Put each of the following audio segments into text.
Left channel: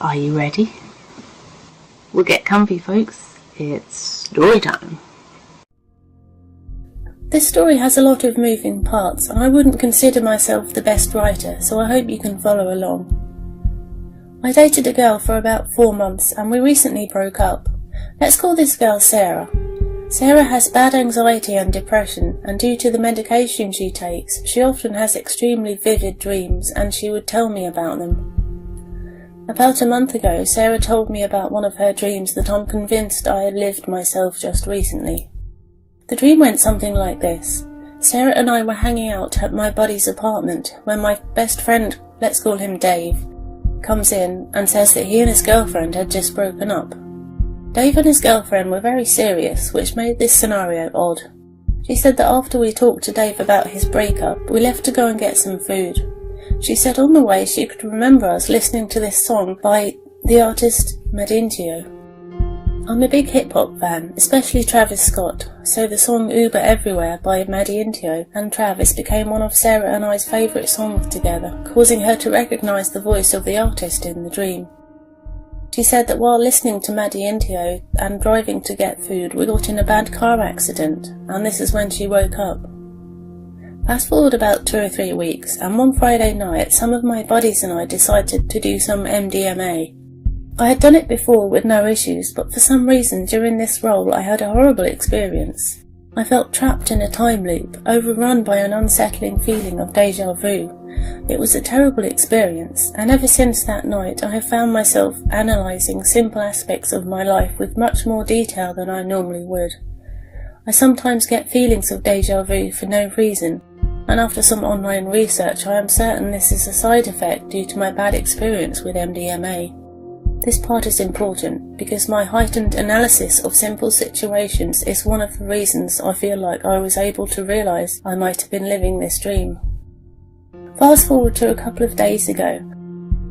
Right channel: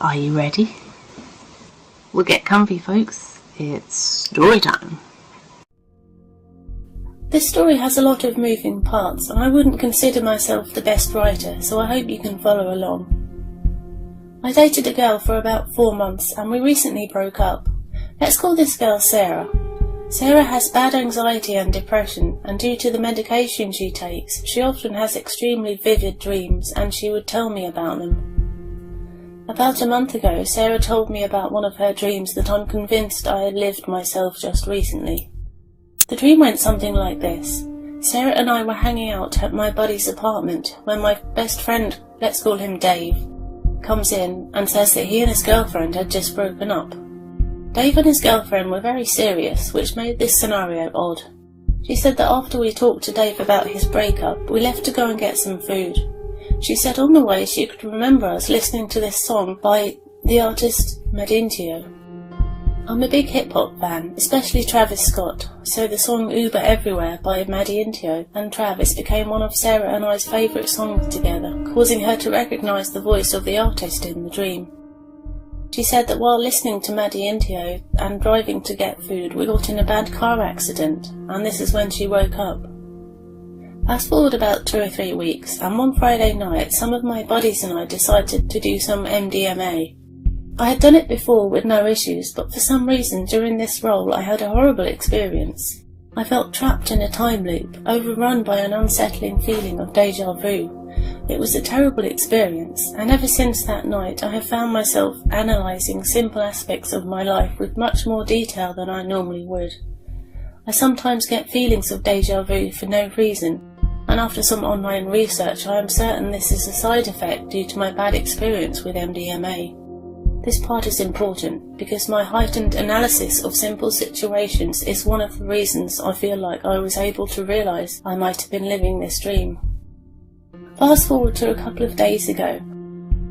Are you ready? We'll get comfy, folks. It's story time. This story has a lot of moving parts, and I wouldn't consider myself the best writer, so I hope you can follow along. I dated a girl for about 4 months, and we recently broke up. Let's call this girl Sarah. Sarah has bad anxiety and depression, and due to the medication she takes, she often has extremely vivid dreams, and she would tell me about them. About a month ago, Sarah told me about one of her dreams that I'm convinced I had lived myself just recently. The dream went something like this. Sarah and I were hanging out at my buddy's apartment when my best friend, let's call him Dave, comes in and says that he and his girlfriend had just broken up. Dave and his girlfriend were very serious, which made this scenario odd. She said that after we talked to Dave about his breakup, we left to go and get some food. She said on the way she could remember us listening to this song by the artist Madintio. I'm a big hip-hop fan, especially Travis Scott, so the song Uber Everywhere by Madintio and Travis became one of Sarah and I's favourite songs together, causing her to recognise the voice of the artist in the dream. She said that while listening to Madintio and driving to get food, we got in a bad car accident, and this is when she woke up. Fast forward about 2 or 3 weeks, and one Friday night, some of my buddies and I decided to do some MDMA. I had done it before with no issues, but for some reason during this role I had a horrible experience. I felt trapped in a time loop, overrun by an unsettling feeling of déjà vu. It was a terrible experience, and ever since that night I have found myself analysing simple aspects of my life with much more detail than I normally would. I sometimes get feelings of déjà vu for no reason, and after some online research I am certain this is a side effect due to my bad experience with MDMA. This part is important because my heightened analysis of simple situations is one of the reasons I feel like I was able to realise I might have been living this dream. Fast forward to a couple of days ago.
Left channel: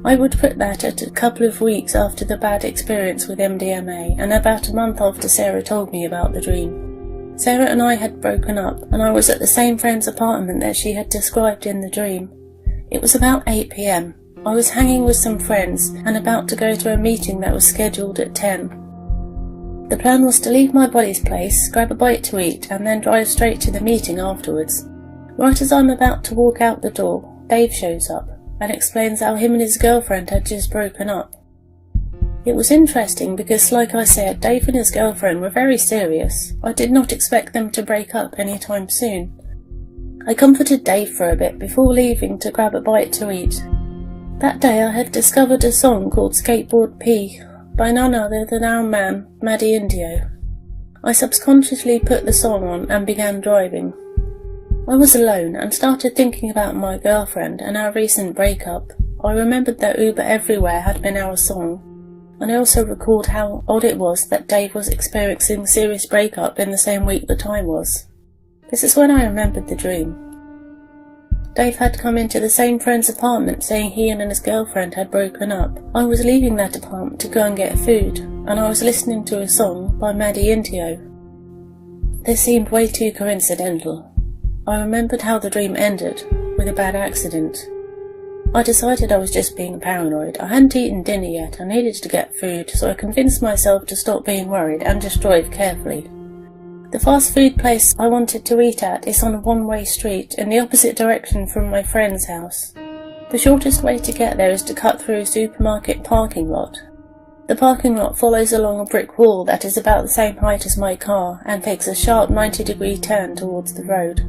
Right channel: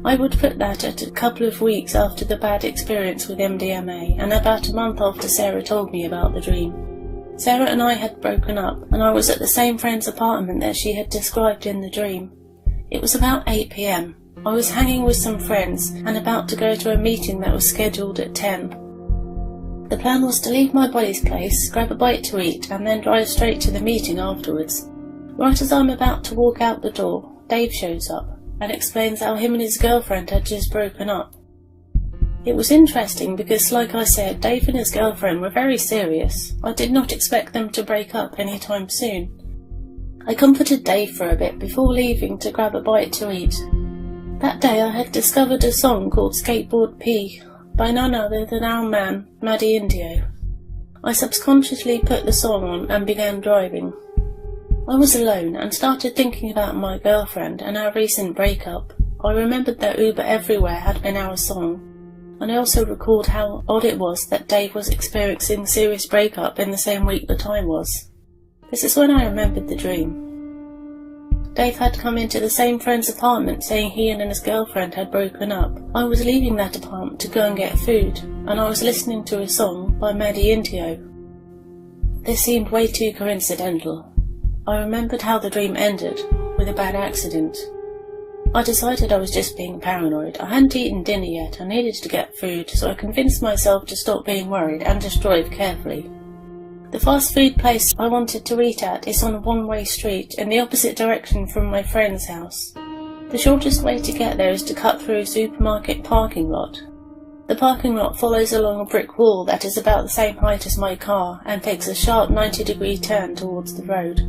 I would put that at a couple of weeks after the bad experience with MDMA and about a month after Sarah told me about the dream. Sarah and I had broken up and I was at the same friend's apartment that she had described in the dream. It was about 8 p.m. I was hanging with some friends and about to go to a meeting that was scheduled at 10. The plan was to leave my buddy's place, grab a bite to eat, and then drive straight to the meeting afterwards. Right as I'm about to walk out the door, Dave shows up and explains how him and his girlfriend had just broken up. It was interesting because, like I said, Dave and his girlfriend were very serious. I did not expect them to break up anytime soon. I comforted Dave for a bit before leaving to grab a bite to eat. That day I had discovered a song called Skateboard P by none other than our man, Madintio. I subconsciously put the song on and began driving. I was alone and started thinking about my girlfriend and our recent breakup. I remembered that Uber Everywhere had been our song, and I also recalled how odd it was that Dave was experiencing serious breakup in the same week that I was. This is when I remembered the dream. Dave had come into the same friend's apartment saying he and his girlfriend had broken up. I was leaving that apartment to go and get food, and I was listening to a song by Madintio. This seemed way too coincidental. I remembered how the dream ended, with a bad accident. I decided I was just being paranoid. I hadn't eaten dinner yet, I needed to get food, so I convinced myself to stop being worried and just drive carefully. The fast food place I wanted to eat at is on a one-way street in the opposite direction from my friend's house. The shortest way to get there is to cut through a supermarket parking lot. The parking lot follows along a brick wall that is about the same height as my car and takes a sharp 90-degree turn towards the road.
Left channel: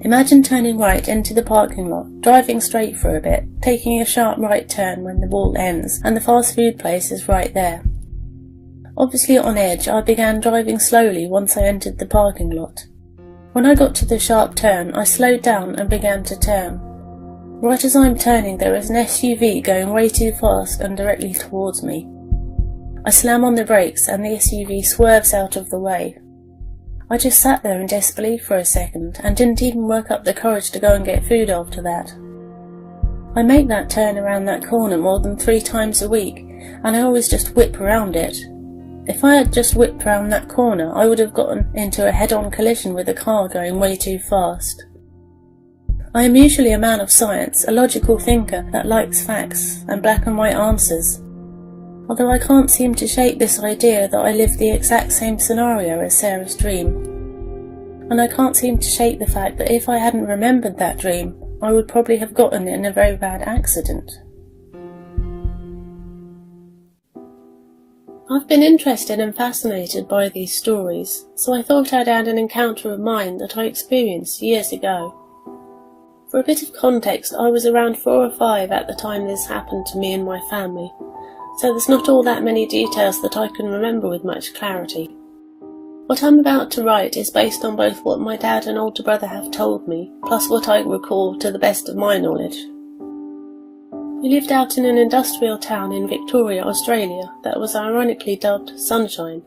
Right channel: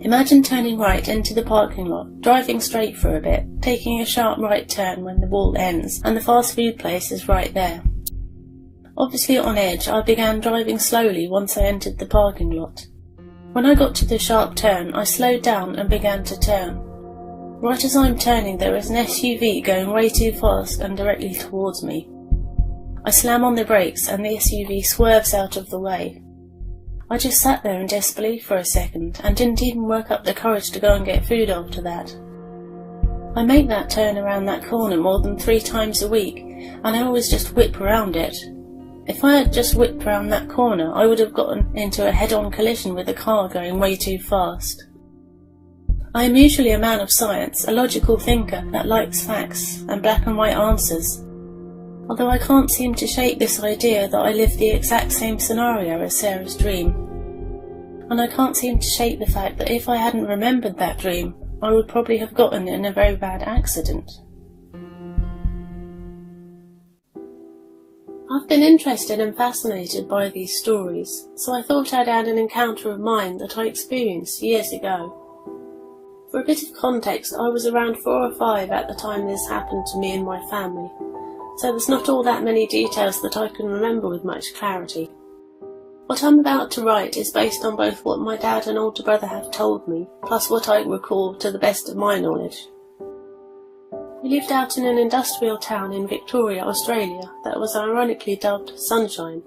Imagine turning right into the parking lot, driving straight for a bit, taking a sharp right turn when the wall ends, and the fast food place is right there. Obviously on edge, I began driving slowly once I entered the parking lot. When I got to the sharp turn, I slowed down and began to turn. Right as I'm turning, there is an SUV going way too fast and directly towards me. I slam on the brakes and the SUV swerves out of the way. I just sat there in disbelief for a second and didn't even work up the courage to go and get food after that. I make that turn around that corner more than 3 times a week, and I always just whip around it. If I had just whipped round that corner, I would have gotten into a head-on collision with a car going way too fast. I am usually a man of science, a logical thinker that likes facts and black and white answers. Although I can't seem to shake this idea that I live the exact same scenario as Sarah's dream. And I can't seem to shake the fact that if I hadn't remembered that dream, I would probably have gotten in a very bad accident. I've been interested and fascinated by these stories, so I thought I'd add an encounter of mine that I experienced years ago. For a bit of context, I was around 4 or 5 at the time this happened to me and my family, so there's not all that many details that I can remember with much clarity. What I'm about to write is based on both what my dad and older brother have told me, plus what I recall to the best of my knowledge. We lived out in an industrial town in Victoria, Australia, that was ironically dubbed Sunshine,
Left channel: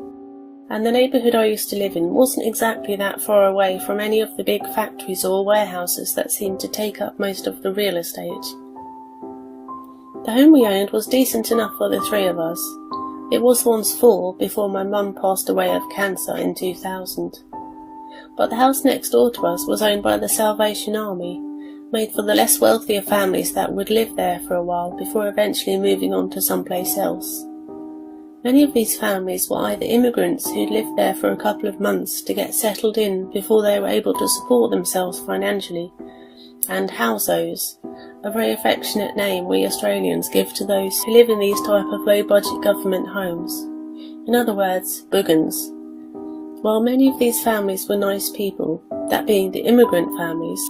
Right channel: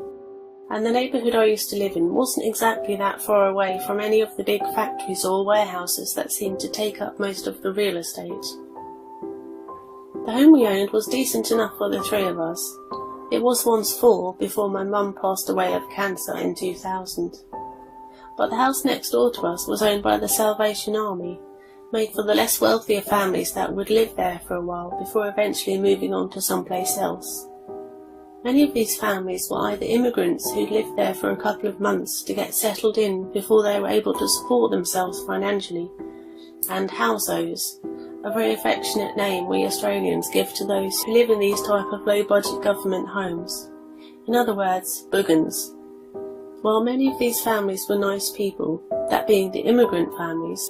and the neighbourhood I used to live in wasn't exactly that far away from any of the big factories or warehouses that seemed to take up most of the real estate. The home we owned was decent enough for the 3 of us. It was once 4 before my mum passed away of cancer in 2000. But the house next door to us was owned by the Salvation Army, made for the less wealthier families that would live there for a while before eventually moving on to someplace else. Many of these families were either immigrants who'd lived there for a couple of months to get settled in before they were able to support themselves financially, and housos, a very affectionate name we Australians give to those who live in these type of low-budget government homes. In other words, boogans. While many of these families were nice people, that being the immigrant families,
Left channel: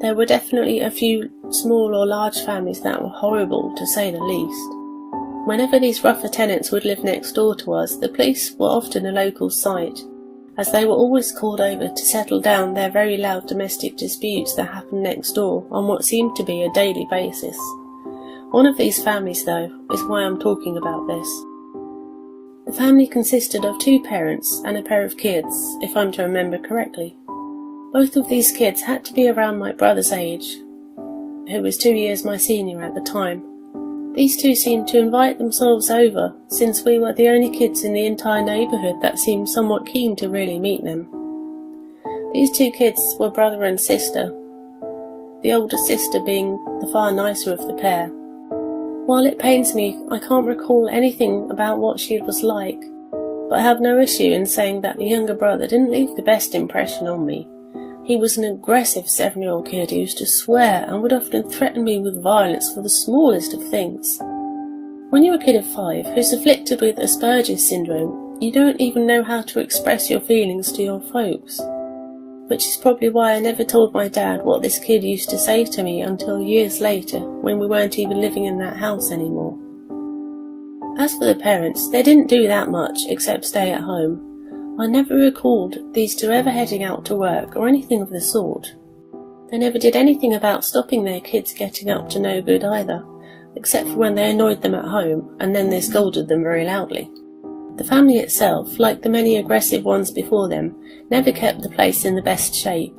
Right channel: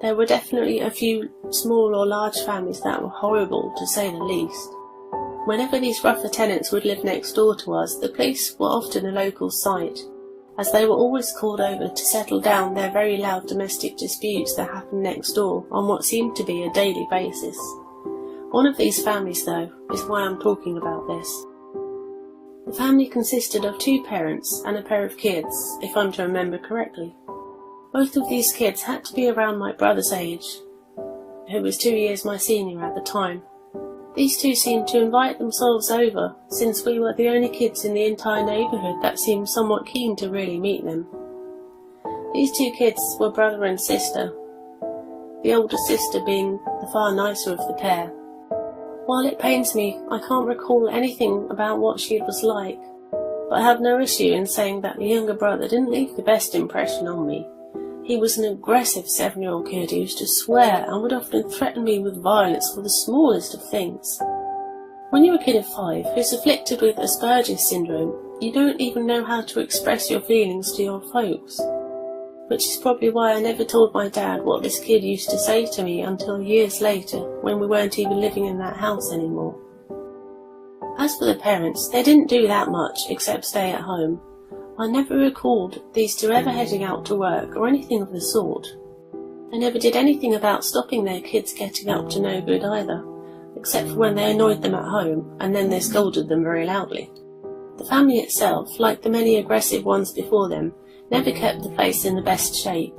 there were definitely a few small or large families that were horrible, to say the least. Whenever these rougher tenants would live next door to us, the police were often a local sight, as they were always called over to settle down their very loud domestic disputes that happened next door on what seemed to be a daily basis. One of these families, though, is why I'm talking about this. The family consisted of 2 parents and a pair of kids, if I'm to remember correctly. Both of these kids had to be around my brother's age, who was 2 years my senior at the time. These 2 seemed to invite themselves over, since we were the only kids in the entire neighbourhood that seemed somewhat keen to really meet them. These 2 kids were brother and sister, the older sister being the far nicer of the pair. While it pains me, I can't recall anything about what she was like, but I have no issue in saying that the younger brother didn't leave the best impression on me. He was an aggressive 7-year-old kid who used to swear and would often threaten me with violence for the smallest of things. When you're a kid of 5 who's afflicted with Asperger's syndrome, you don't even know how to express your feelings to your folks. Which is probably why I never told my dad what this kid used to say to me until years later, when we weren't even living in that house anymore. As for the parents, they didn't do that much except stay at home. I never recalled these 2 ever heading out to work or anything of the sort. They never did anything about stopping their kids getting up to no good either, except for when they annoyed them at home, and then they scolded them very loudly. The family itself, like the many aggressive ones before them, never kept the place in the best shape.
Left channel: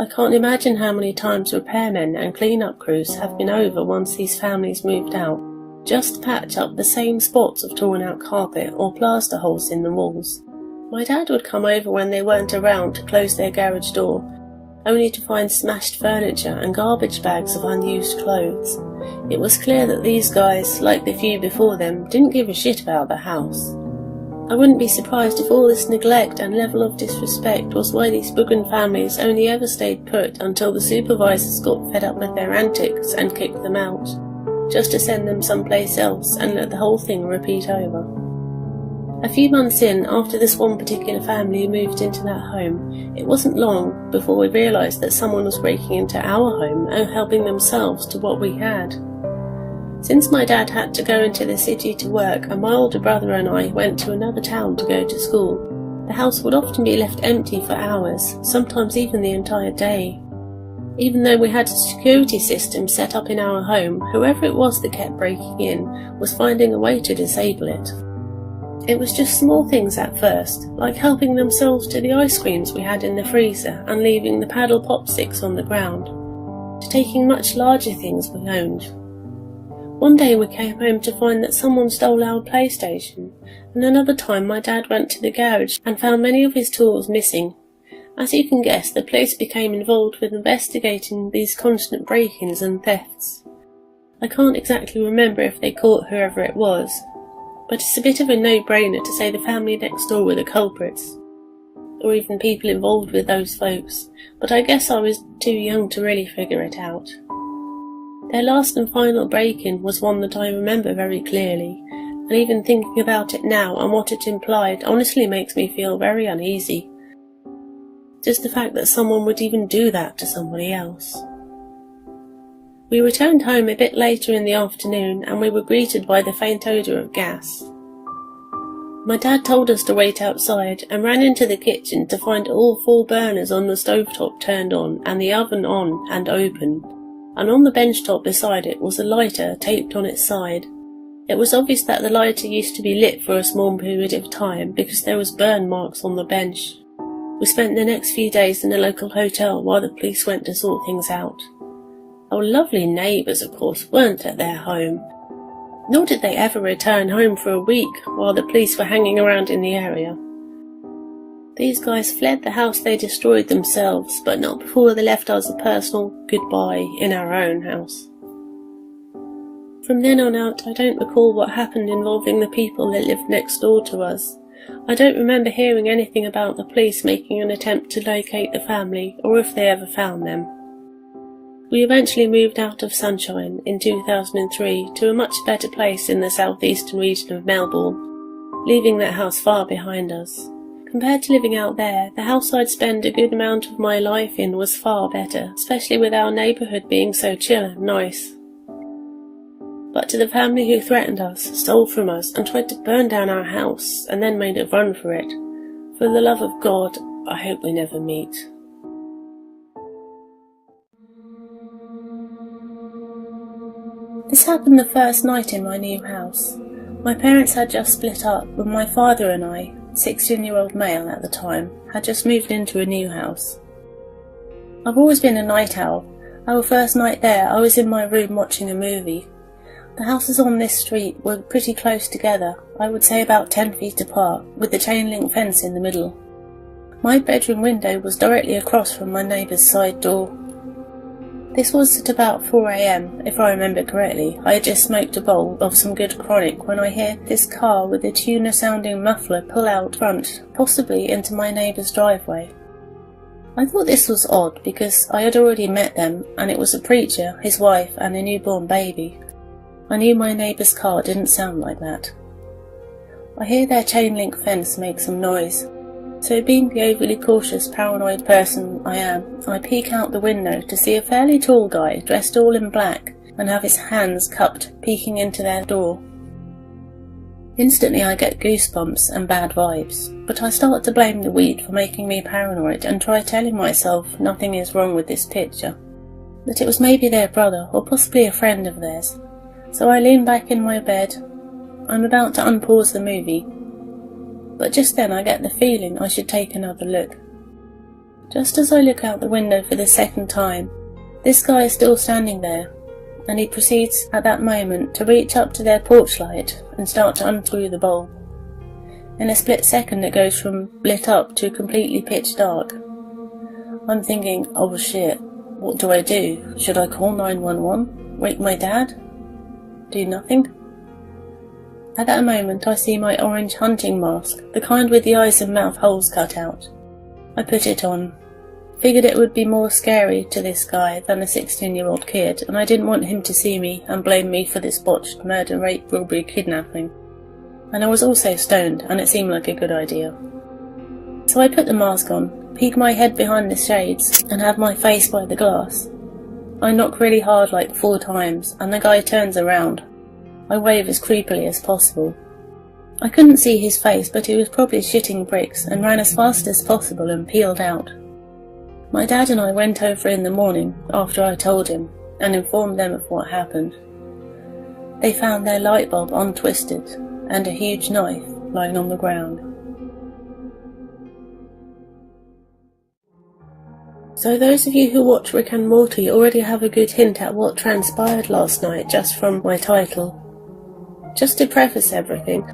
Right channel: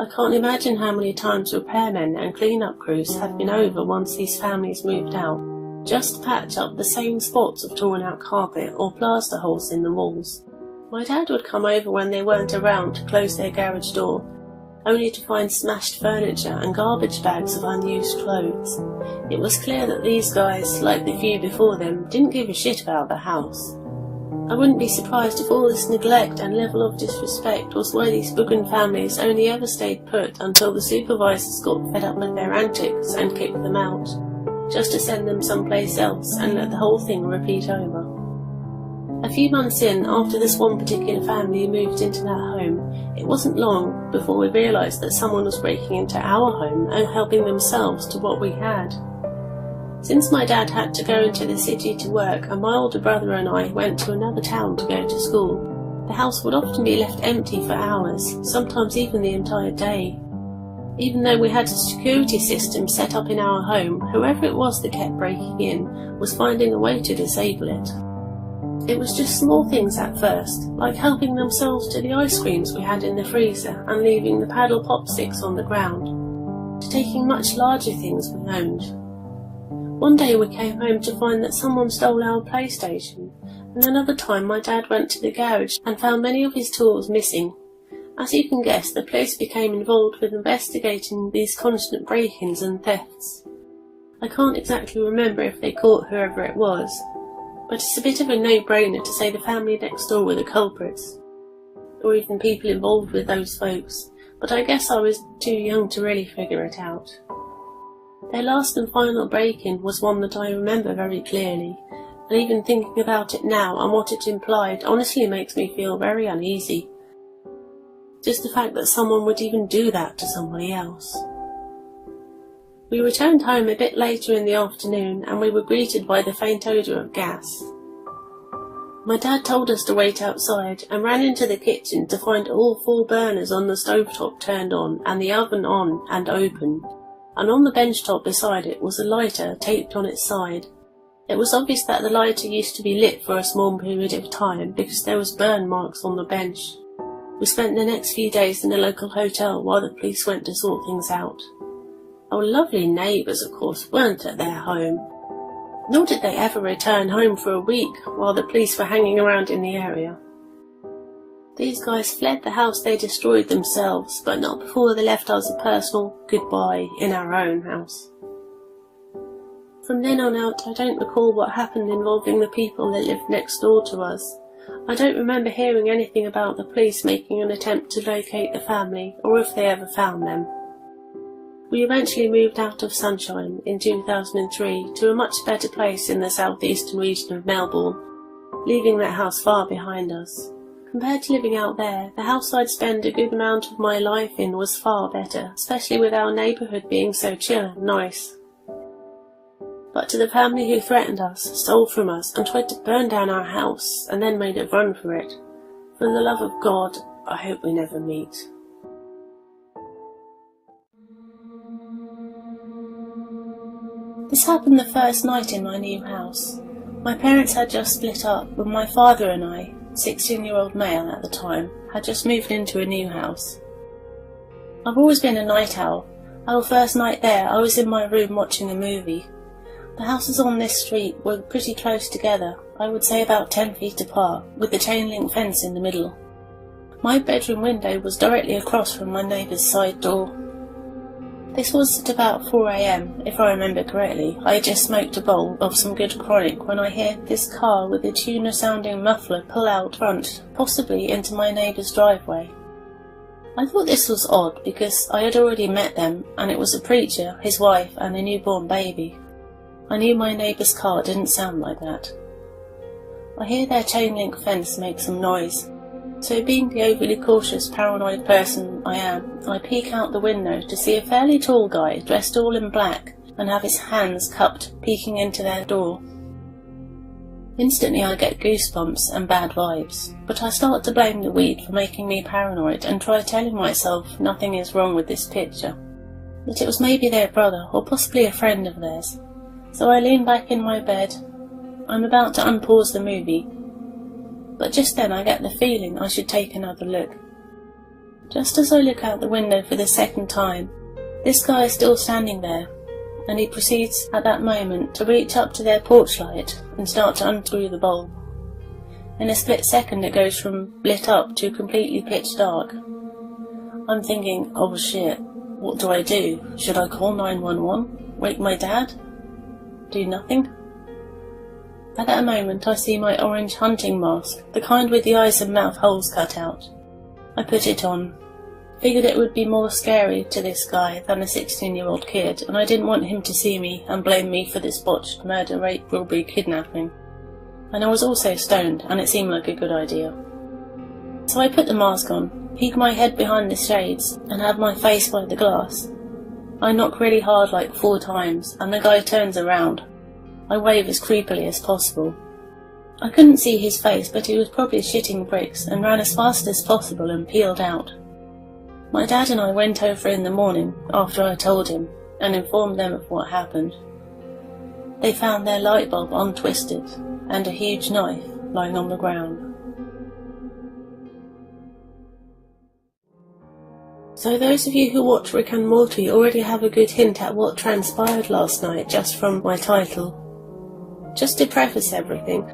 I can't imagine how many times repairmen and clean-up crews have been over once these families moved out, just to patch up the same spots of torn-out carpet or plaster holes in the walls. My dad would come over when they weren't around to close their garage door, only to find smashed furniture and garbage bags of unused clothes. It was clear that these guys, like the few before them, didn't give a shit about the house. I wouldn't be surprised if all this neglect and level of disrespect was why these Boogan families only ever stayed put until the supervisors got fed up with their antics and kicked them out, just to send them someplace else and let the whole thing repeat over. A few months in, after this one particular family moved into that home, it wasn't long before we realised that someone was breaking into our home and helping themselves to what we had. Since my dad had to go into the city to work and my older brother and I went to another town to go to school, the house would often be left empty for hours, sometimes even the entire day. Even though we had a security system set up in our home, whoever it was that kept breaking in was finding a way to disable it. It was just small things at first, like helping themselves to the ice creams we had in the freezer and leaving the paddle pop sticks on the ground, to taking much larger things we owned. One day we came home to find that someone stole our PlayStation, and another time my dad went to the garage and found many of his tools missing, As you can guess, the police became involved with investigating these constant break-ins and thefts. I can't exactly remember if they caught whoever it was, but it's a bit of a no-brainer to say the family next door were the culprits, or even people involved with those folks, but I guess I was too young to really figure it out. Their last and final break-in was one that I remember very clearly, and even thinking about it now and what it implied honestly makes me feel very uneasy. Just the fact that someone would even do that to somebody else. We returned home a bit later in the afternoon and we were greeted by the faint odour of gas. My dad told us to wait outside and ran into the kitchen to find all 4 burners on the stovetop turned on and the oven on and open, and on the bench top beside it was a lighter taped on its side. It was obvious that the lighter used to be lit for a small period of time because there was burn marks on the bench. We spent the next few days in a local hotel while the police went to sort things out. Our lovely neighbours, of course, weren't at their home, nor did they ever return home for a week while the police were hanging around in the area. These guys fled the house they destroyed themselves, but not before they left us a personal goodbye in our own house. From then on out, I don't recall what happened involving the people that lived next door to us. I don't remember hearing anything about the police making an attempt to locate the family, or if they ever found them. We eventually moved out of Sunshine in 2003 to a much better place in the southeastern region of Melbourne, leaving that house far behind us. Compared to living out there, the house I'd spend a good amount of my life in was far better, especially with our neighbourhood being so chill and nice. But to the family who threatened us, stole from us, and tried to burn down our house, and then made a run for it, for the love of God, I hope we never meet. This happened the first night in my new house. My parents had just split up, but my father and I, 16-year-old male at the time, had just moved into a new house. I've always been a night owl. Our first night there, I was in my room watching a movie. The houses on this street were pretty close together, I would say about 10 feet apart, with the chain link fence in the middle. My bedroom window was directly across from my neighbour's side door. This was at about 4 AM, if I remember correctly. I had just smoked a bowl of some good chronic when I hear this car with a tuner-sounding muffler pull out front, possibly into my neighbour's driveway. I thought this was odd because I had already met them, and it was a preacher, his wife, and a newborn baby. I knew my neighbour's car didn't sound like that. I hear their chain-link fence make some noise, so being the overly cautious, paranoid person I am, I peek out the window to see a fairly tall guy dressed all in black and have his hands cupped peeking into their door. Instantly I get goosebumps and bad vibes, but I start to blame the weed for making me paranoid and try telling myself nothing is wrong with this picture, that it was maybe their brother or possibly a friend of theirs. So I lean back in my bed. I'm about to unpause the movie, but just then I get the feeling I should take another look. Just as I look out the window for the second time, this guy is still standing there, and he proceeds at that moment to reach up to their porch light and start to unscrew the bulb. In a split second it goes from lit up to completely pitch dark. I'm thinking, oh shit, what do I do? Should I call 911? Wake my dad? Do nothing? At that moment I see my orange hunting mask, the kind with the eyes and mouth holes cut out. I put it on. Figured it would be more scary to this guy than a 16-year-old kid, and I didn't want him to see me and blame me for this botched murder, rape, robbery, kidnapping. And I was also stoned, and it seemed like a good idea. So I put the mask on, peek my head behind the shades, and have my face by the glass. I knock really hard like 4 times, and the guy turns around. I wave as creepily as possible. I couldn't see his face, but he was probably shitting bricks and ran as fast as possible and peeled out. My dad and I went over in the morning, after I told him, and informed them of what happened. They found their light bulb untwisted, and a huge knife lying on the ground. So those of you who watch Rick and Morty already have a good hint at what transpired last night just from my title. Just to preface everything,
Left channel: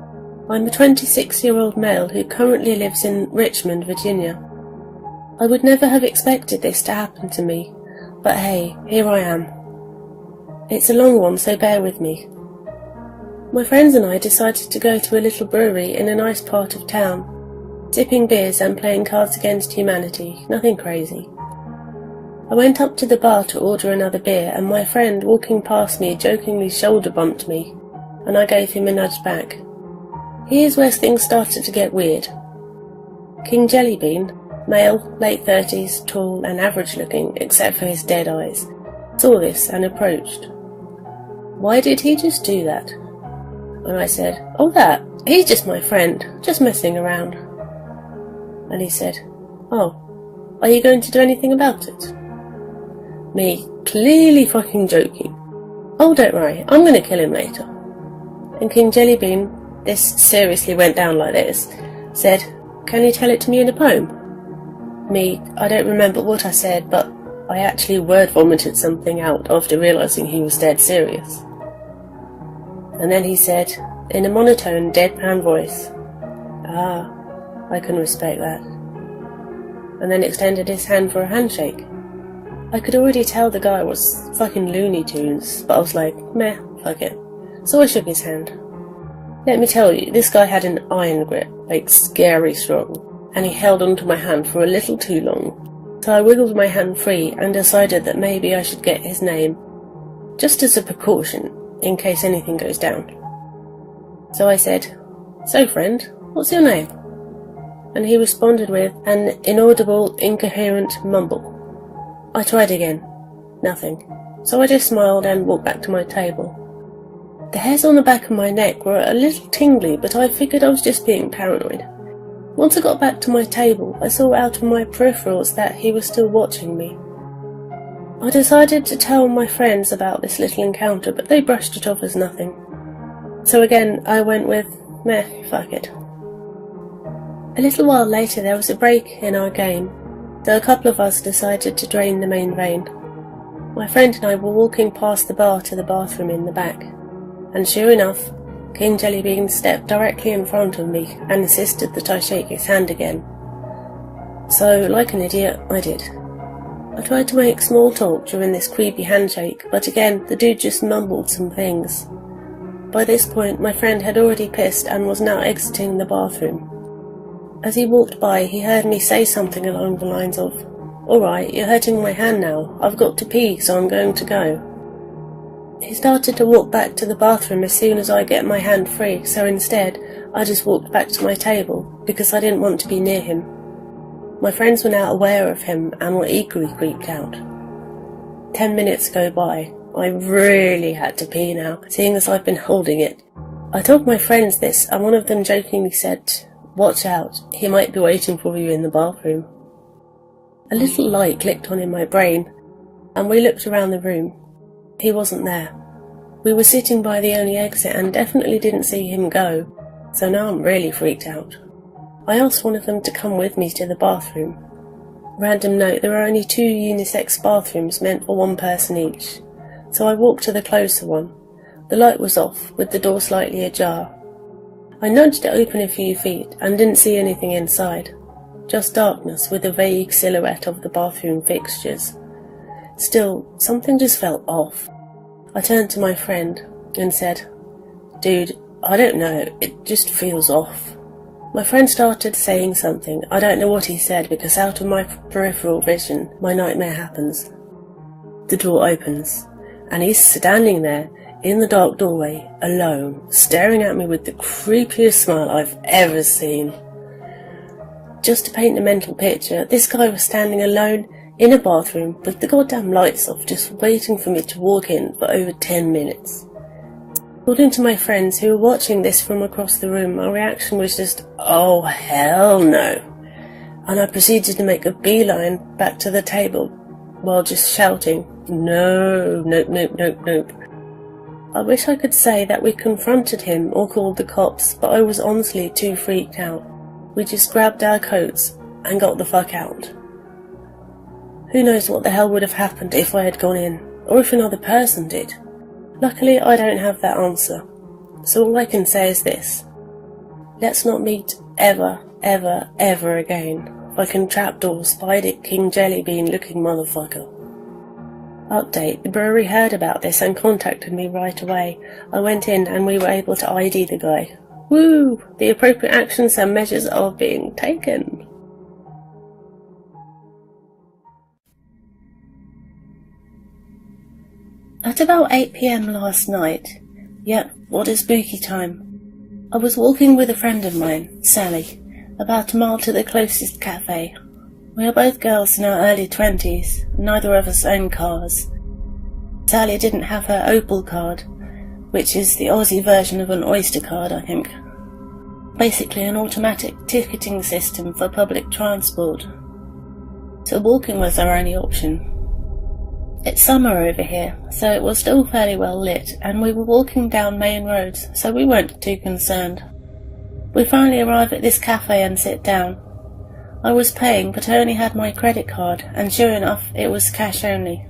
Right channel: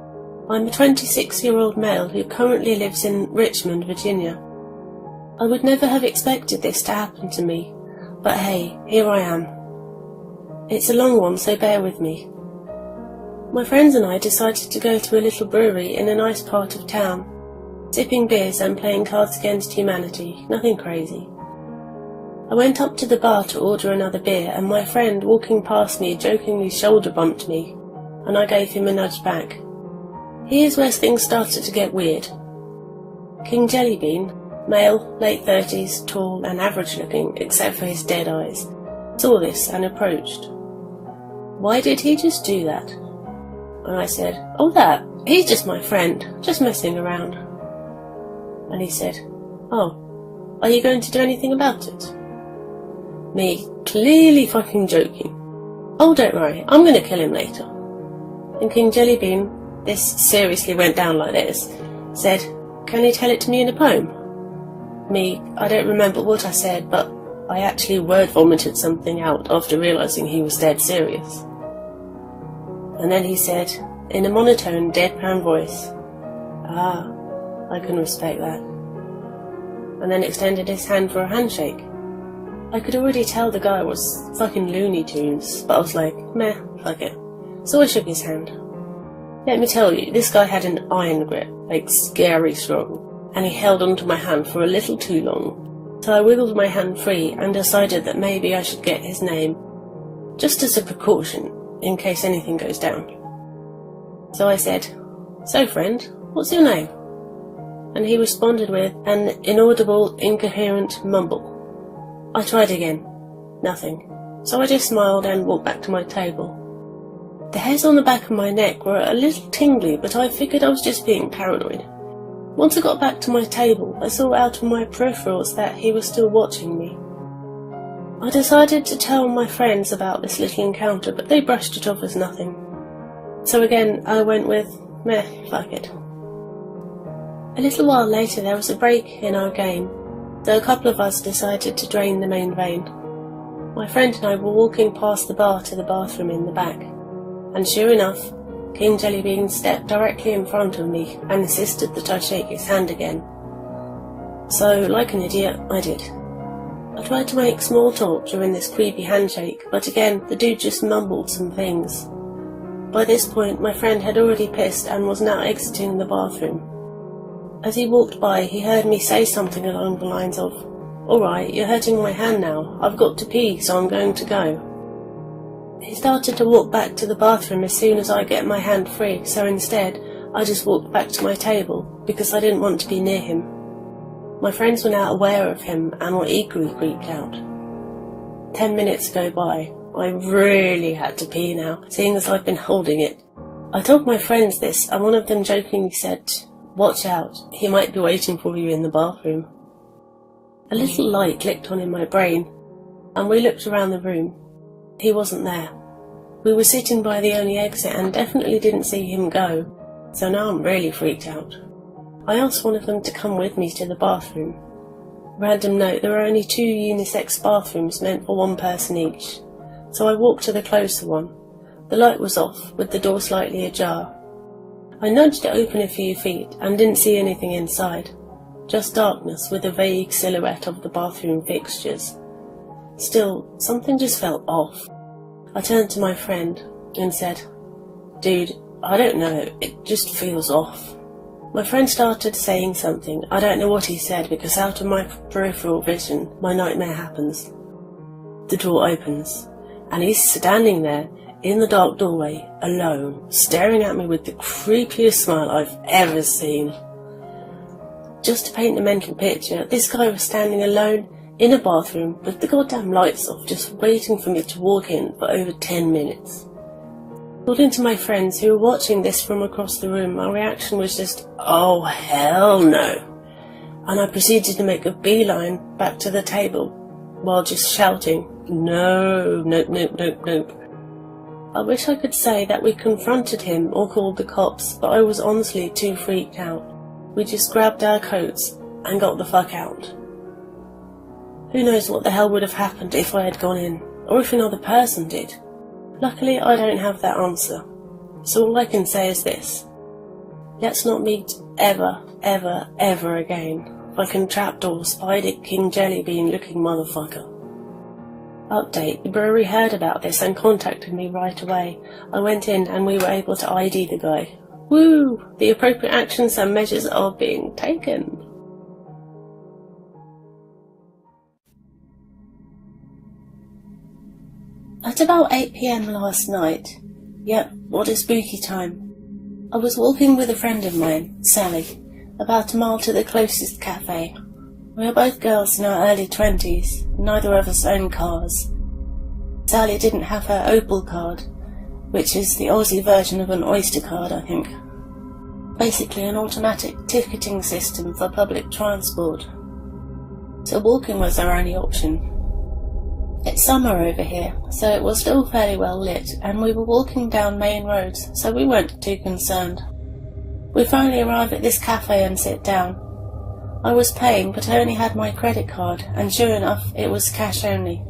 I'm a 26-year-old male who currently lives in Richmond, Virginia. I would never have expected this to happen to me, but hey, here I am. It's a long one, so bear with me. My friends and I decided to go to a little brewery in a nice part of town, sipping beers and playing Cards Against Humanity, nothing crazy. I went up to the bar to order another beer, and my friend walking past me jokingly shoulder bumped me, and I gave him a nudge back. Here's where things started to get weird. King Jellybean, male, late 30s, tall and average looking except for his dead eyes, saw this and approached. Why did he just do that? And I said, oh that, he's just my friend, just messing around. And he said, oh, are you going to do anything about it? Me, clearly fucking joking. Oh, don't worry, I'm gonna kill him later. And King Jellybean, this seriously went down like this, said, can you tell it to me in a poem? Me, I don't remember what I said, but I actually word vomited something out after realising he was dead serious. And then he said, in a monotone, deadpan voice, ah, I can respect that. And then extended his hand for a handshake. I could already tell the guy was fucking Looney Tunes, but I was like, meh, fuck it. So I shook his hand. Let me tell you, this guy had an iron grip, like scary strong, and he held onto my hand for a little too long. So I wiggled my hand free and decided that maybe I should get his name, just as a precaution, in case anything goes down. So I said, so friend, what's your name? And he responded with an inaudible, incoherent mumble. I tried again. Nothing. So I just smiled and walked back to my table. The hairs on the back of my neck were a little tingly, but I figured I was just being paranoid. Once I got back to my table, I saw out of my peripherals that he was still watching me. I decided to tell my friends about this little encounter, but they brushed it off as nothing. So again, I went with, meh, fuck it. A little while later there was a break in our game, so a couple of us decided to drain the main vein. My friend and I were walking past the bar to the bathroom in the back, and sure enough, King Jellybean stepped directly in front of me and insisted that I shake his hand again. So, like an idiot, I did. I tried to make small talk during this creepy handshake, but again, the dude just mumbled some things. By this point, my friend had already pissed and was now exiting the bathroom. As he walked by, he heard me say something along the lines of, alright, you're hurting my hand now. I've got to pee, so I'm going to go. He started to walk back to the bathroom as soon as I get my hand free, so instead, I just walked back to my table, because I didn't want to be near him. My friends were now aware of him and were equally creeped out. 10 minutes go by. I really had to pee now, seeing as I've been holding it. I told my friends this, and one of them jokingly said, watch out, he might be waiting for you in the bathroom. A little light clicked on in my brain, and we looked around the room. He wasn't there. We were sitting by the only exit and definitely didn't see him go, so now I'm really freaked out. I asked one of them to come with me to the bathroom. Random note, there are only 2 unisex bathrooms meant for one person each, so I walked to the closer one. The light was off, with the door slightly ajar. I nudged it open a few feet and didn't see anything inside, just darkness with a vague silhouette of the bathroom fixtures. Still, something just felt off. I turned to my friend and said, dude, I don't know, it just feels off. My friend started saying something. I don't know what he said because out of my peripheral vision, my nightmare happens. The door opens, and he's standing there in the dark doorway, alone, staring at me with the creepiest smile I've ever seen. Just to paint a mental picture, this guy was standing alone in a bathroom with the goddamn lights off, just waiting for me to walk in for over 10 minutes. According to my friends who were watching this from across the room, my reaction was just, oh hell no. And I proceeded to make a beeline back to the table while just shouting, no, nope, nope, nope, nope. I wish I could say that we confronted him or called the cops, but I was honestly too freaked out. We just grabbed our coats and got the fuck out. Who knows what the hell would have happened if I had gone in, or if another person did. Luckily, I don't have that answer, so all I can say is this. Let's not meet ever, ever, ever again. fucking trapdoor, Spider King Jellybean looking motherfucker. Update, the brewery heard about this and contacted me right away. I went in and we were able to ID the guy. Woo! The appropriate actions and measures are being taken. At about 8 PM last night, yep, what a spooky time, I was walking with a friend of mine, Sally, about a mile to the closest cafe. We are both girls in our early 20s, neither of us own cars. Sally didn't have her Opal card, which is the Aussie version of an Oyster card, I think. Basically an automatic ticketing system for public transport. So walking was our only option. It's summer over here, so it was still fairly well lit, and we were walking down main roads, so we weren't too concerned. We finally arrive at this cafe and sit down. I was paying, but I only had my credit card, and sure enough, it was cash only.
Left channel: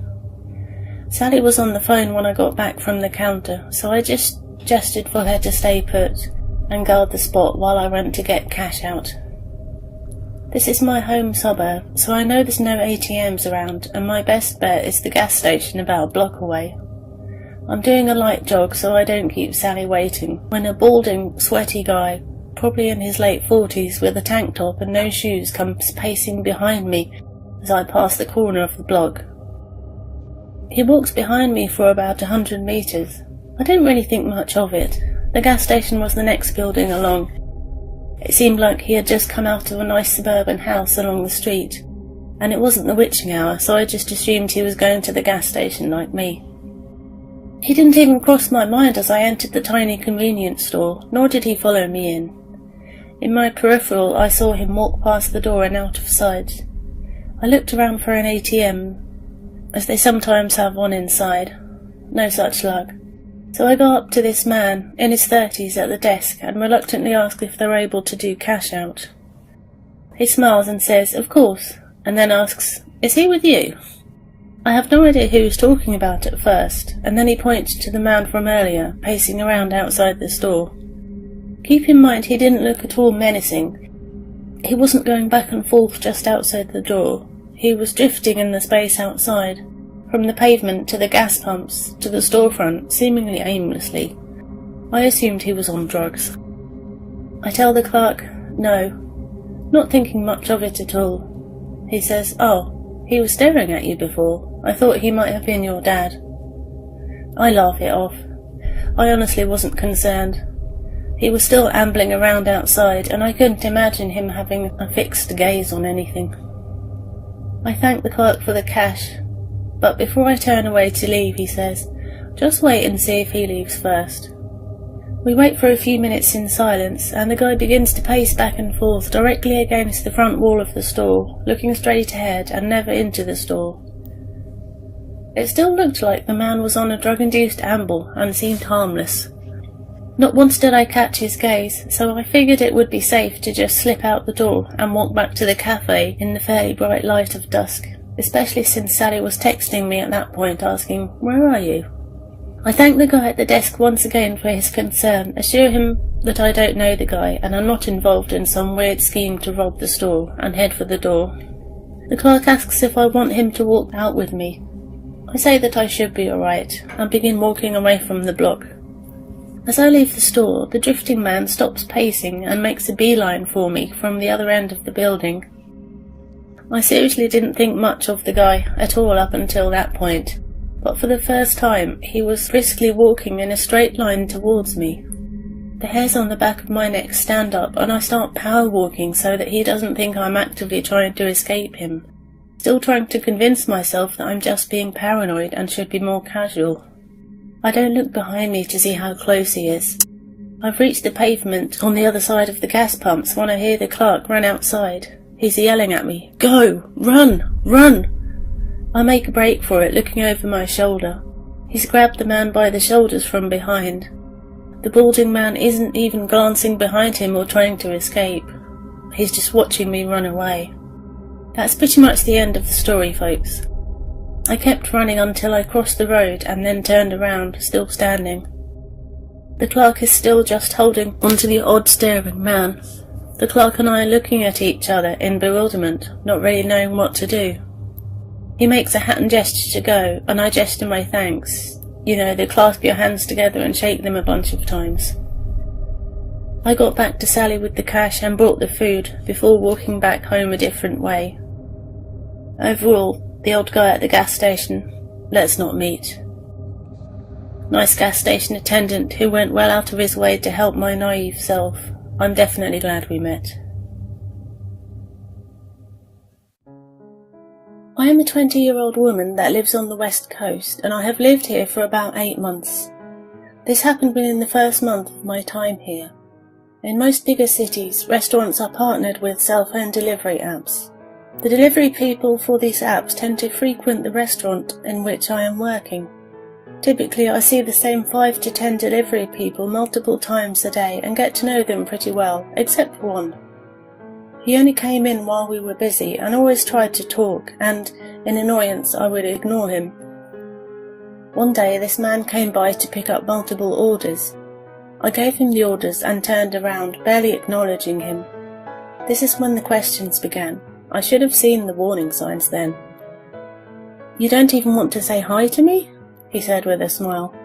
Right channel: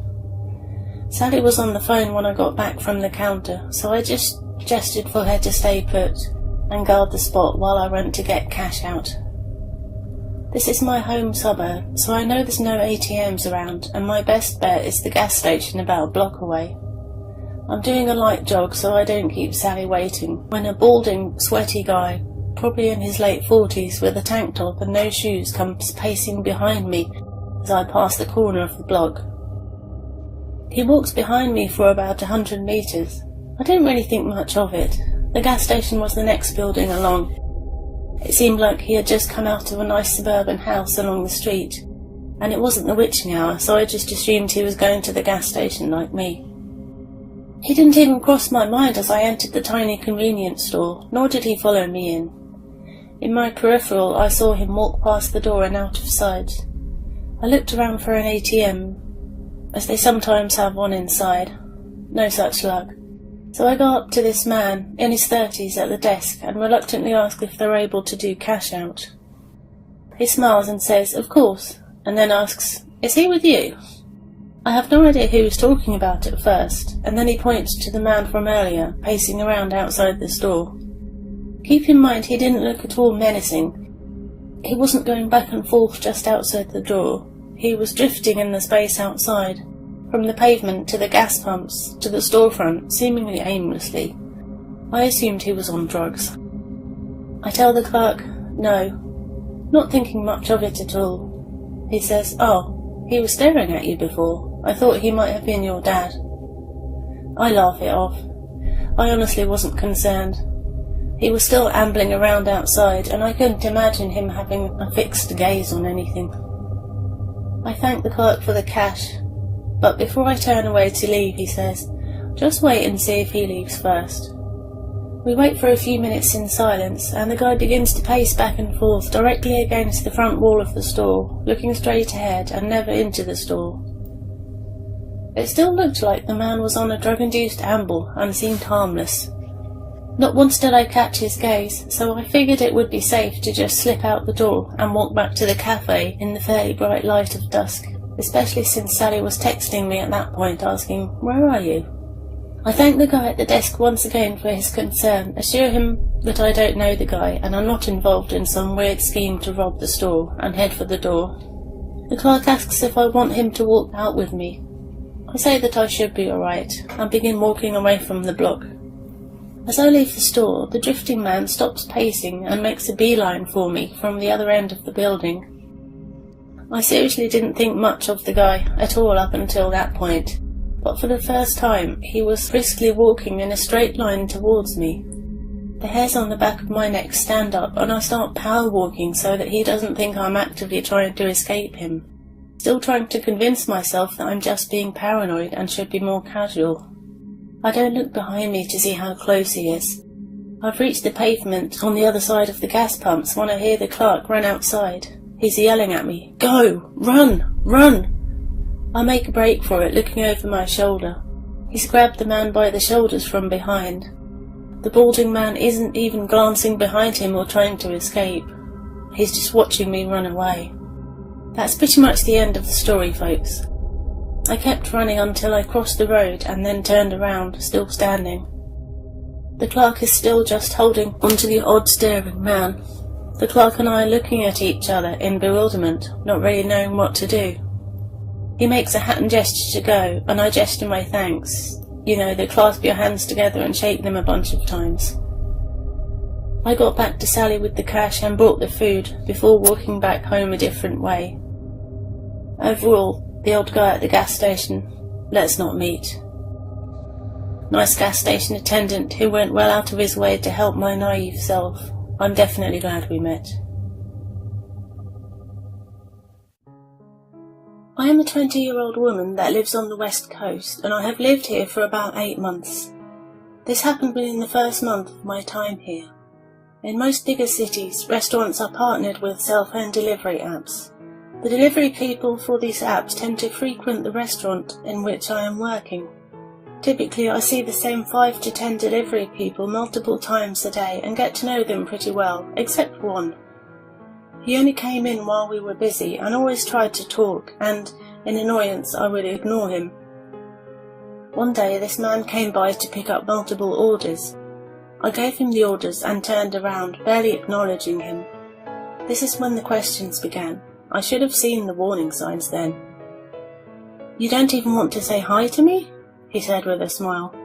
Sally was on the phone when I got back from the counter, so I just gestured for her to stay put and guard the spot while I went to get cash out. This is my home suburb, so I know there's no ATMs around, and my best bet is the gas station about a block away. I'm doing a light jog so I don't keep Sally waiting, when a balding, sweaty guy, probably in his late 40s with a tank top and no shoes, comes pacing behind me as I pass the corner of the block. He walks behind me for about 100 metres. I didn't really think much of it. The gas station was the next building along. It seemed like he had just come out of a nice suburban house along the street, and it wasn't the witching hour, so I just assumed he was going to the gas station like me. He didn't even cross my mind as I entered the tiny convenience store, nor did he follow me in. In my peripheral, I saw him walk past the door and out of sight. I looked around for an ATM, as they sometimes have one inside. No such luck. So I go up to this man, in his 30s, at the desk and reluctantly ask if they're able to do cash out. He smiles and says, "Of course," and then asks, "Is he with you?" I have no idea who he's talking about at first, and then he points to the man from earlier, pacing around outside the store. Keep in mind he didn't look at all menacing. He wasn't going back and forth just outside the door. He was drifting in the space outside, from the pavement to the gas pumps to the storefront, seemingly aimlessly. I assumed he was on drugs. I tell the clerk, no, not thinking much of it at all. He says, "Oh, he was staring at you before. I thought he might have been your dad." I laugh it off. I honestly wasn't concerned. He was still ambling around outside, and I couldn't imagine him having a fixed gaze on anything. I thank the clerk for the cash, but before I turn away to leave, he says, "Just wait and see if he leaves first." We wait for a few minutes in silence, and the guy begins to pace back and forth directly against the front wall of the store, looking straight ahead and never into the store. It still looked like the man was on a drug-induced amble and seemed harmless. Not once did I catch his gaze, so I figured it would be safe to just slip out the door and walk back to the cafe in the fairly bright light of dusk, especially since Sally was texting me at that point asking, "Where are you?" I thank the guy at the desk once again for his concern, assure him that I don't know the guy and am not involved in some weird scheme to rob the store, and head for the door. The clerk asks if I want him to walk out with me. I say that I should be alright, and begin walking away from the block. As I leave the store, the drifting man stops pacing and makes a beeline for me from the other end of the building. I seriously didn't think much of the guy at all up until that point, but for the first time he was briskly walking in a straight line towards me. The hairs on the back of my neck stand up and I start power walking so that he doesn't think I'm actively trying to escape him, still trying to convince myself that I'm just being paranoid and should be more casual. I don't look behind me to see how close he is. I've reached the pavement on the other side of the gas pumps when I hear the clerk run outside. He's yelling at me, "Go! Run! Run!" I make a break for it, looking over my shoulder. He's grabbed the man by the shoulders from behind. The balding man isn't even glancing behind him or trying to escape. He's just watching me run away. That's pretty much the end of the story, folks. I kept running until I crossed the road and then turned around, still standing. The clerk is still just holding onto the odd staring man. The clerk and I are looking at each other in bewilderment, not really knowing what to do. He makes a hand gesture to go, and I gesture my thanks. You know, they clasp your hands together and shake them a bunch of times. I got back to Sally with the cash and brought the food, before walking back home a different way. Overall, the old guy at the gas station, let's not meet. Nice gas station attendant who went well out of his way to help my naive self. I'm definitely glad we met. I am a 20-year-old woman that lives on the West Coast, and I have lived here for about 8 months. This happened within the first month of my time here. In most bigger cities, restaurants are partnered with cell-phone delivery apps. The delivery people for these apps tend to frequent the restaurant in which I am working. Typically, I see the same 5 to 10 delivery people multiple times a day and get to know them pretty well, except one. He only came in while we were busy and always tried to talk, and, in annoyance, I would ignore him. One day, this man came by to pick up multiple orders. I gave him the orders and turned around, barely acknowledging him. This is when the questions began. I should have seen the warning signs then. "You don't even want to say hi to me?" he said with a smile.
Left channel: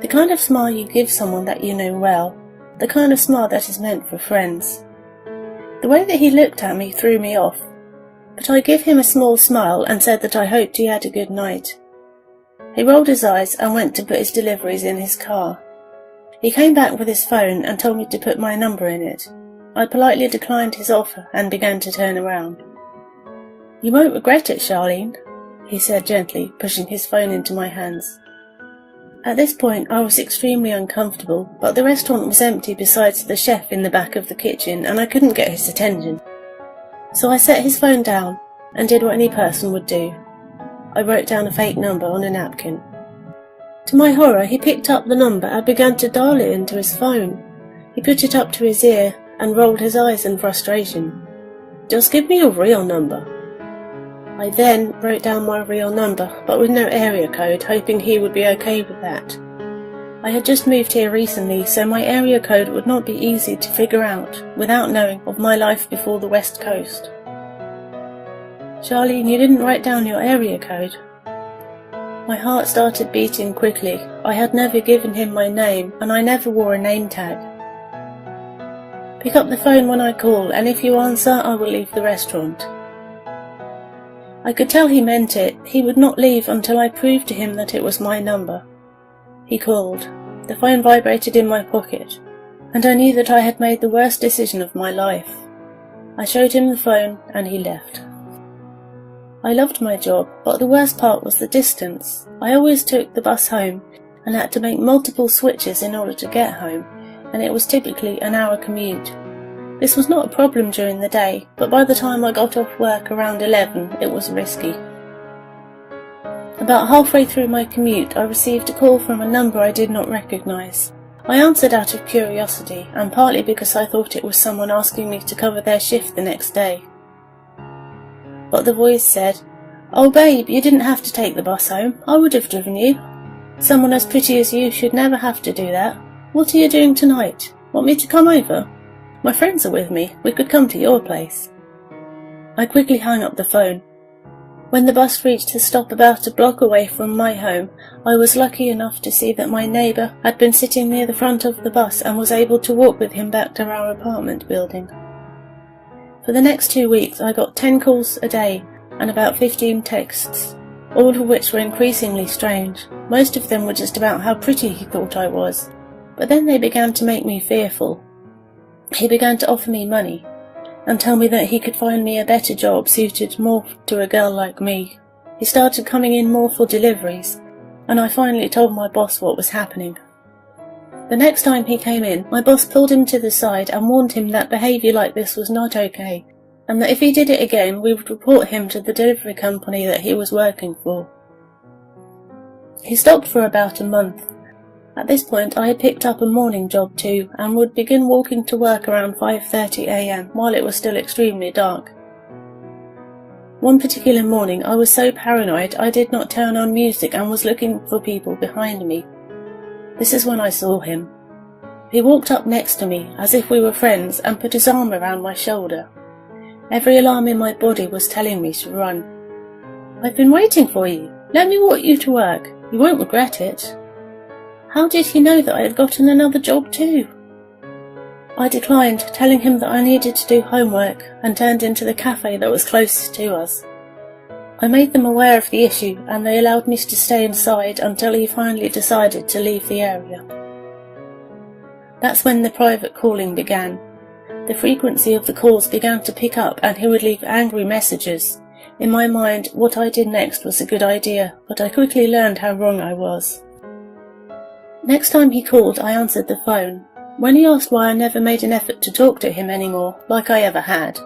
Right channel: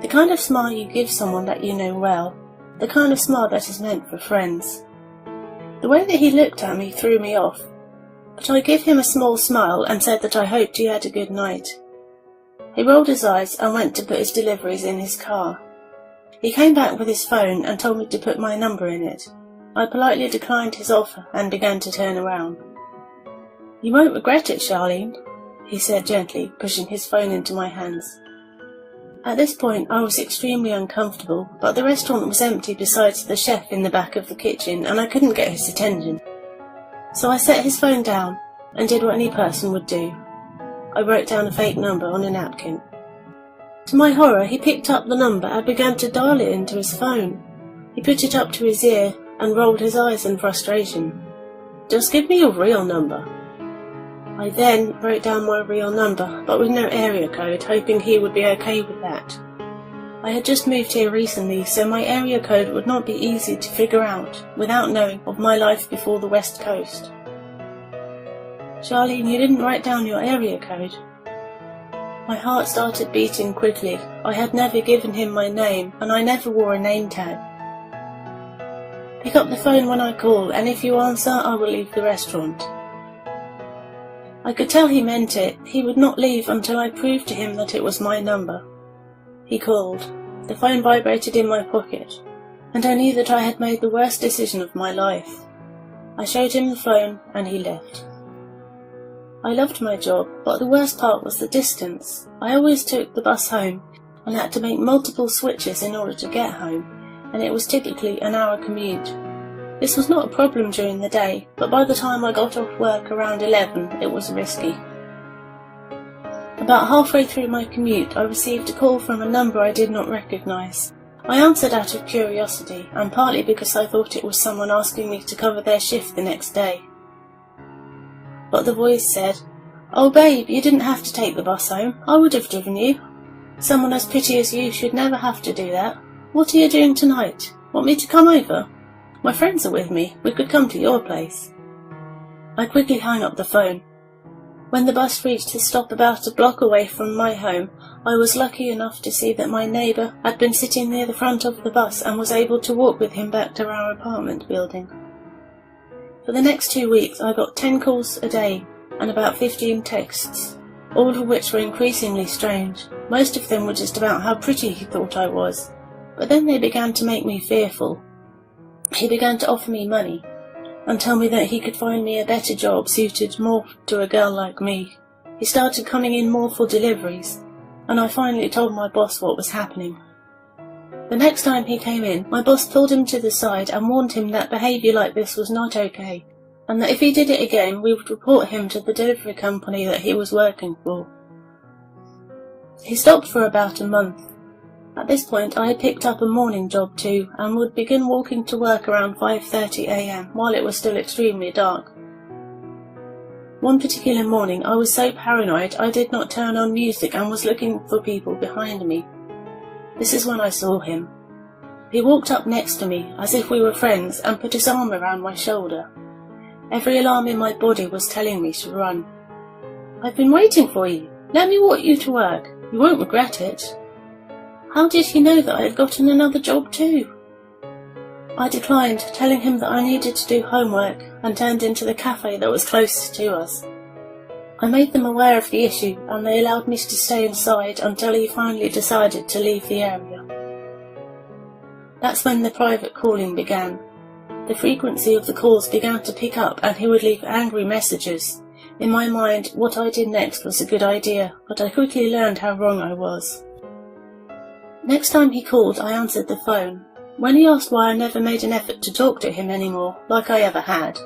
The kind of smile you give someone that you know well. The kind of smile that is meant for friends. The way that he looked at me threw me off, but I gave him a small smile and said that I hoped he had a good night. He rolled his eyes and went to put his deliveries in his car. He came back with his phone and told me to put my number in it. I politely declined his offer and began to turn around. "You won't regret it, Charlene," he said gently, pushing his phone into my hands. At this point I was extremely uncomfortable, but the restaurant was empty besides the chef in the back of the kitchen, and I couldn't get his attention. So I set his phone down and did what any person would do. I wrote down a fake number on a napkin. To my horror, he picked up the number and began to dial it into his phone. He put it up to his ear and rolled his eyes in frustration. "Just give me your real number." I then wrote down my real number, but with no area code, hoping he would be okay with that. I had just moved here recently, so my area code would not be easy to figure out without knowing of my life before the West Coast. "Charlene, you didn't write down your area code." My heart started beating quickly. I had never given him my name, and I never wore a name tag. "Pick up the phone when I call, and if you answer, I will leave the restaurant." I could tell he meant it. He would not leave until I proved to him that it was my number. He called. The phone vibrated in my pocket, and I knew that I had made the worst decision of my life. I showed him the phone, and he left. I loved my job, but the worst part was the distance. I always took the bus home, and had to make multiple switches in order to get home, and it was typically an hour commute. This was not a problem during the day, but by the time I got off work around 11, it was risky. About halfway through my commute, I received a call from a number I did not recognise. I answered out of curiosity, and partly because I thought it was someone asking me to cover their shift the next day. But the voice said, "Oh babe, you didn't have to take the bus home. I would have driven you. Someone as pretty as you should never have to do that. What are you doing tonight? Want me to come over? My friends are with me. We could come to your place." I quickly hung up the phone. When the bus reached a stop about a block away from my home, I was lucky enough to see that my neighbour had been sitting near the front of the bus and was able to walk with him back to our apartment building. For the next 2 weeks, I got 10 calls a day and about 15 texts, all of which were increasingly strange. Most of them were just about how pretty he thought I was, but then they began to make me fearful. He began to offer me money and tell me that he could find me a better job suited more to a girl like me. He started coming in more for deliveries, and I finally told my boss what was happening. The next time he came in, my boss pulled him to the side and warned him that behaviour like this was not okay, and that if he did it again, we would report him to the delivery company that he was working for. He stopped for about a month. At this point, I had picked up a morning job too, and would begin walking to work around 5:30 a.m. while it was still extremely dark. One particular morning, I was so paranoid I did not turn on music and was looking for people behind me. This is when I saw him. He walked up next to me as if we were friends and put his arm around my shoulder. Every alarm in my body was telling me to run. "I've been waiting for you. Let me walk you to work. You won't regret it." "How did he know that I had gotten another job too?" I declined, telling him that I needed to do homework, and turned into the cafe that was closest to us. I made them aware of the issue, and they allowed me to stay inside until he finally decided to leave the area. That's when the private calling began. The frequency of the calls began to pick up, and he would leave angry messages. In my mind, what I did next was a good idea, but I quickly learned how wrong I was. Next time he called, I answered the phone. When he asked why I never made an effort to talk to him anymore, like I ever had,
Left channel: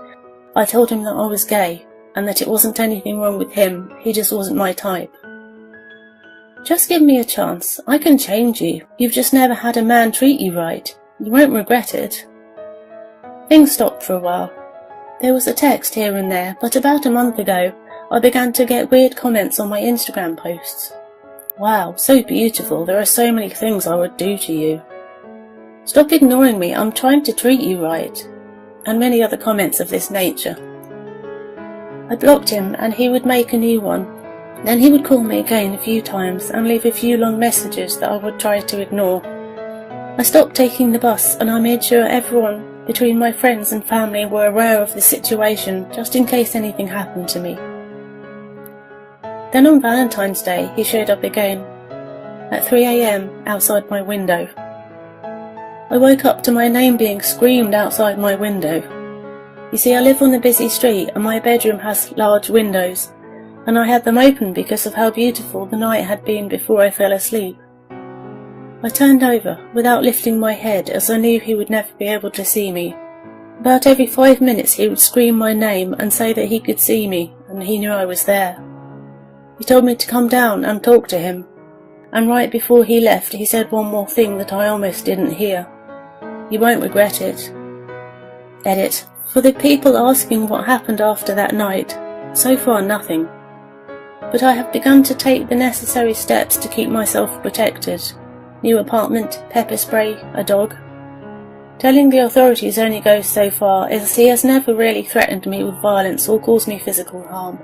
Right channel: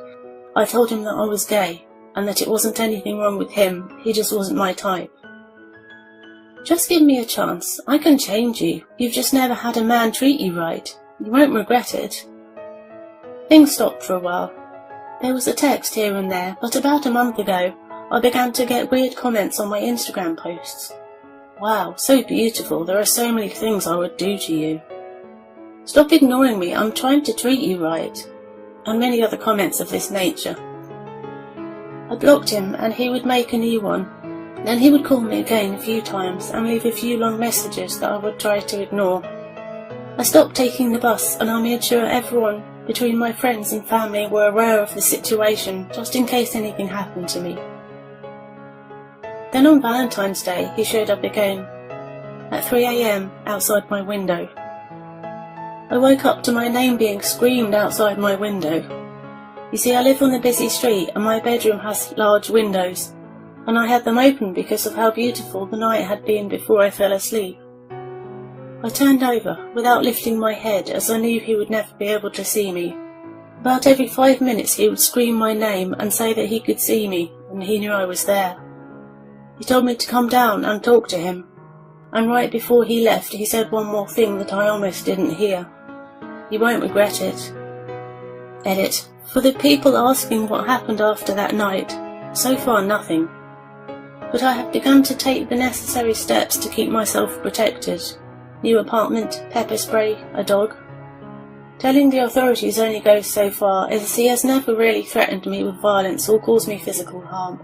I told him that I was gay, and that it wasn't anything wrong with him, he just wasn't my type. "Just give me a chance. I can change you. You've just never had a man treat you right. You won't regret it." Things stopped for a while. There was a text here and there, but about a month ago, I began to get weird comments on my Instagram posts. "Wow, so beautiful. There are so many things I would do to you." "Stop ignoring me. I'm trying to treat you right." And many other comments of this nature. I blocked him, and he would make a new one. Then he would call me again a few times and leave a few long messages that I would try to ignore. I stopped taking the bus, and I made sure everyone between my friends and family were aware of the situation, just in case anything happened to me. Then on Valentine's Day, he showed up again, at 3 a.m. outside my window. I woke up to my name being screamed outside my window. You see, I live on a busy street, and my bedroom has large windows, and I had them open because of how beautiful the night had been before I fell asleep. I turned over, without lifting my head, as I knew he would never be able to see me. About every 5 minutes he would scream my name and say that he could see me, and he knew I was there. He told me to come down and talk to him, and right before he left he said one more thing that I almost didn't hear. "You won't regret it." Edit. For the people asking what happened after that night, so far nothing. But I have begun to take the necessary steps to keep myself protected. New apartment, pepper spray, a dog. Telling the authorities only goes so far, as he has never really threatened me with violence or caused me physical harm.